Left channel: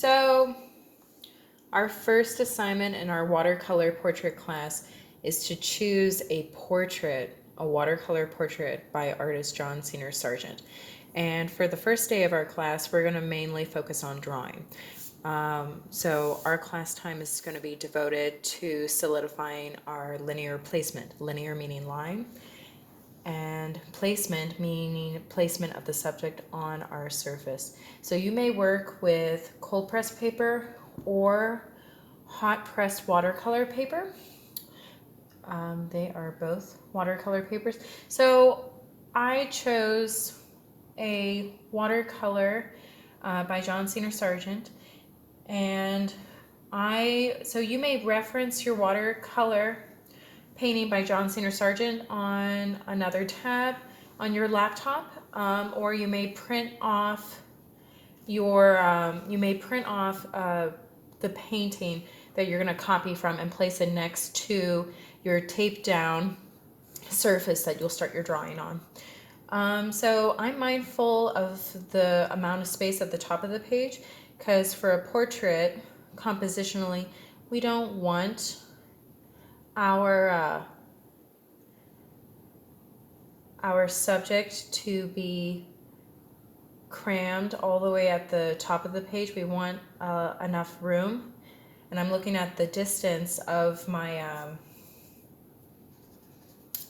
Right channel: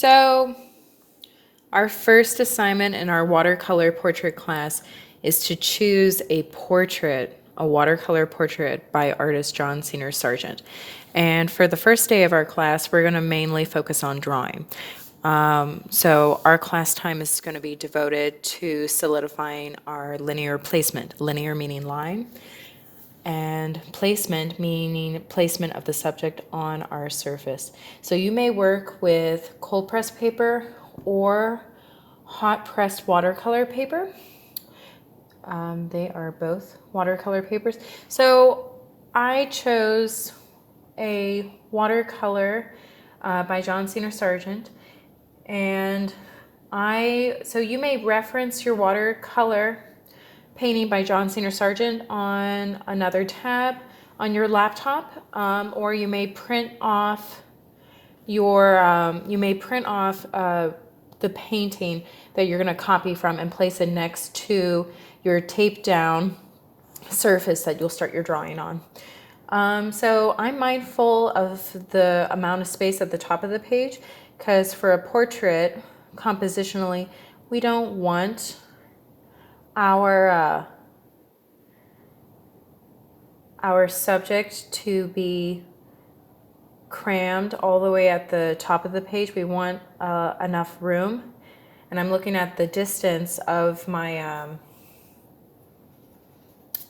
So our first assignment in our watercolor portrait class is to choose a portrait, a watercolor portrait by artist John Senior Sargent. And for the first day of our class, we're going to mainly focus on drawing. So our class time is going to be devoted to solidifying our linear placement, linear meaning line, and placement meaning placement of the subject on our surface. So you may work with cold pressed paper or hot pressed watercolor paper. They are both watercolor papers. So I chose a watercolor by John Senior Sargent, and so you may reference your watercolor painting by John Senior Sargent on another tab on your laptop, or you may print off the painting that you're going to copy from and place it next to your taped down surface that you'll start your drawing on. So I'm mindful of the amount of space at the top of the page, because for a portrait, compositionally, we don't want our subject to be crammed all the way at the top of the page. We want enough room. And I'm looking at the distance of my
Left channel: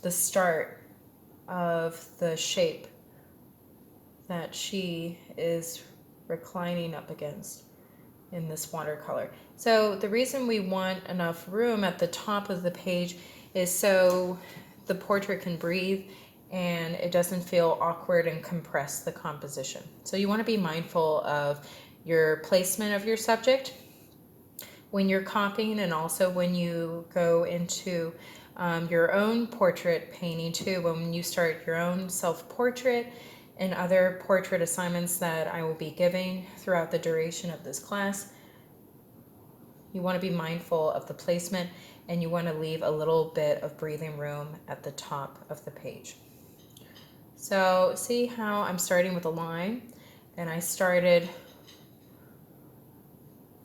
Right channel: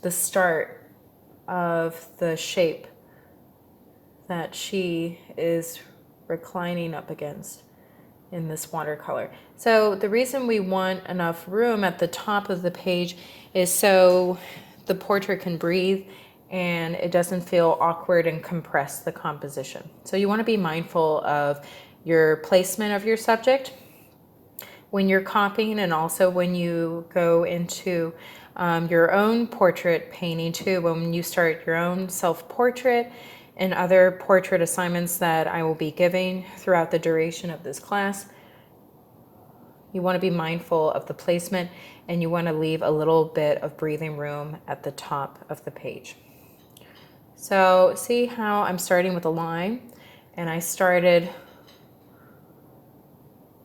the start of the shape that she is reclining up against in this watercolor. So the reason we want enough room at the top of the page is so the portrait can breathe and it doesn't feel awkward and compress the composition. So you want to be mindful of your placement of your subject when you're copying, and also when you go into your own portrait painting too, when you start your own self-portrait and other portrait assignments that I will be giving throughout the duration of this class. You want to be mindful of the placement, and you want to leave a little bit of breathing room at the top of the page. So see how I'm starting with a line, and I started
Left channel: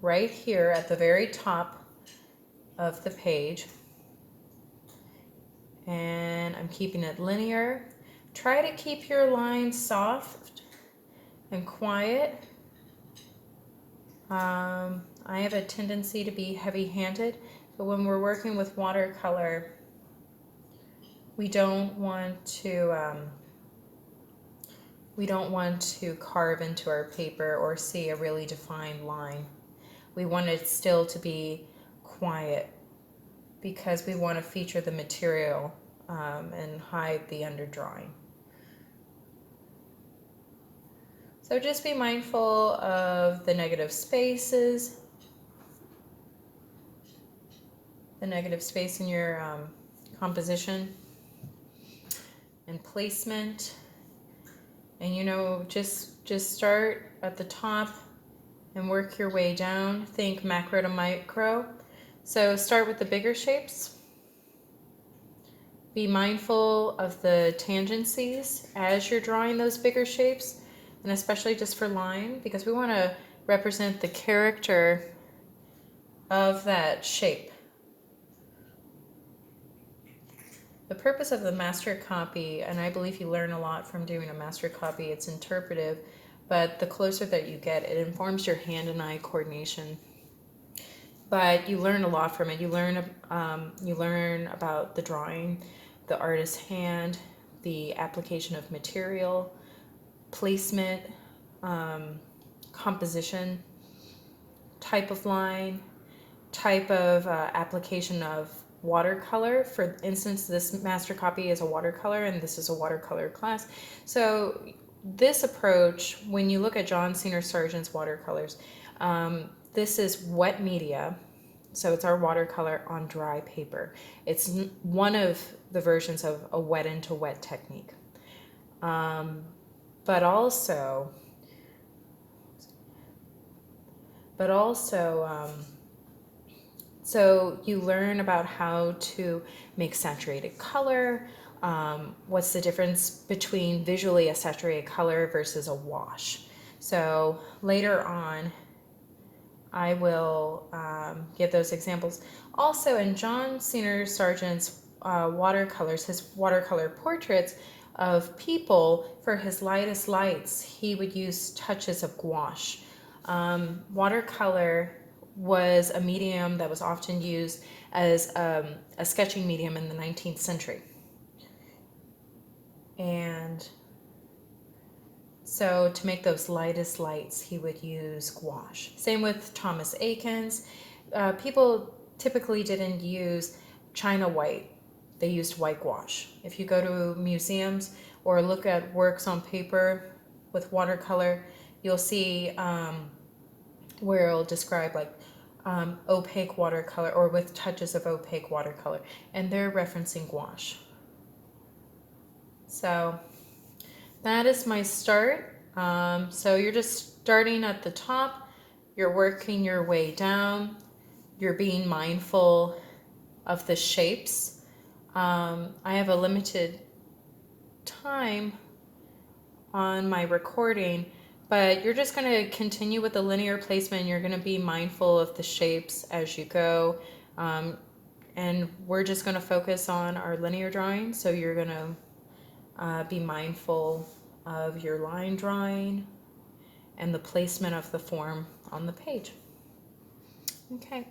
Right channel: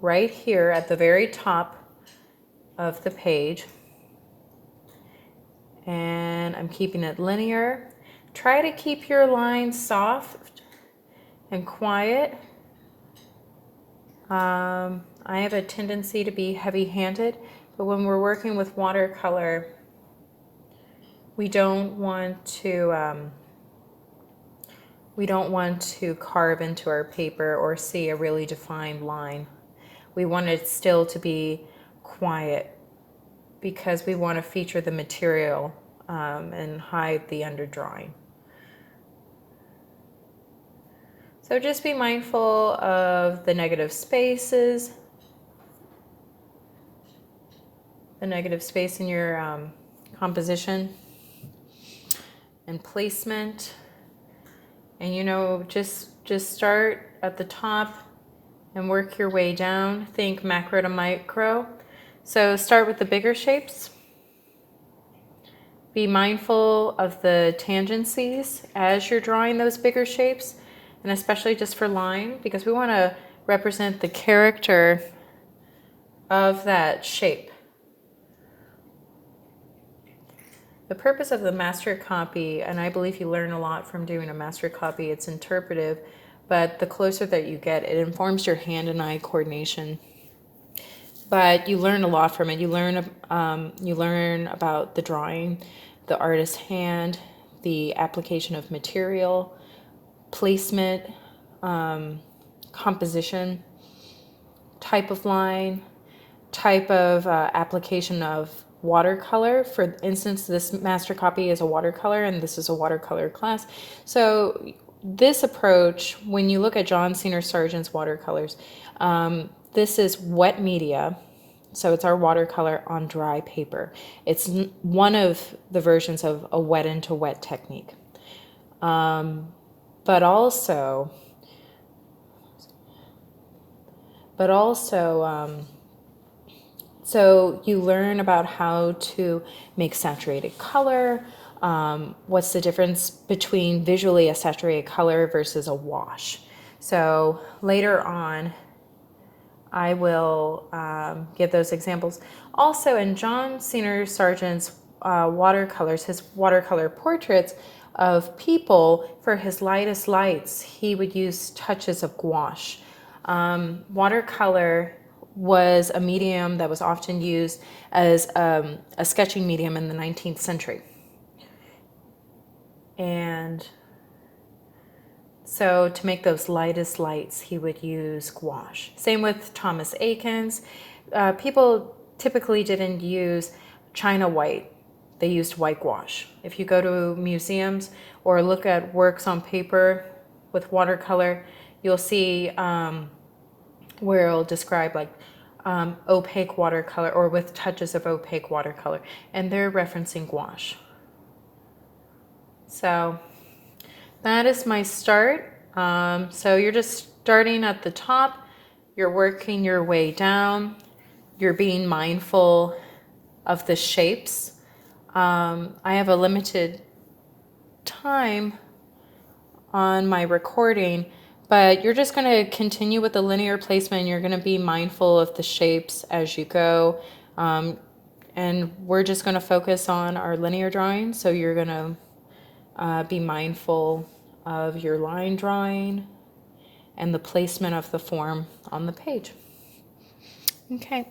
right here at the very top of the page, and I'm keeping it linear. Try to keep your lines soft and quiet. I have a tendency to be heavy-handed, but when we're working with watercolor, we don't want to carve into our paper or see a really defined line. We want it still to be quiet, because we want to feature the material and hide the underdrawing. So just be mindful of the negative spaces, the negative space in your composition and placement. And just start at the top and work your way down. Think macro to micro. So start with the bigger shapes. Be mindful of the tangencies as you're drawing those bigger shapes, and especially just for line, because we want to represent the character of that shape. The purpose of the master copy, and I believe you learn a lot from doing a master copy, it's interpretive, but the closer that you get, it informs your hand and eye coordination. But you learn a lot from it. You learn about the drawing, the artist's hand, the application of material, placement, composition, type of line, type of application of watercolor. For instance, this master copy is a watercolor, and this is a watercolor class. So this approach, when you look at John Senior Sargent's watercolors, this is wet media, so it's our watercolor on dry paper. It's one of the versions of a wet into wet technique. But also, so you learn about how to make saturated color. What's the difference between visually a saturated color versus a wash? So later on, I will give those examples. Also, in John Singer Sargent's watercolors, his watercolor portraits of people, for his lightest lights, he would use touches of gouache. Watercolor was a medium that was often used as a sketching medium in the 19th century. And so to make those lightest lights, he would use gouache. Same with Thomas Eakins. People typically didn't use China white. They used white gouache. If you go to museums or look at works on paper with watercolor, you'll see where it'll describe like opaque watercolor or with touches of opaque watercolor, and they're referencing gouache. So that is my start. So you're just starting at the top, you're working your way down, you're being mindful of the shapes. I have a limited time on my recording, but you're just going to continue with the linear placement. You're going to be mindful of the shapes as you go. And we're just going to focus on our linear drawing. So you're going to be mindful of your line drawing and the placement of the form on the page. Okay.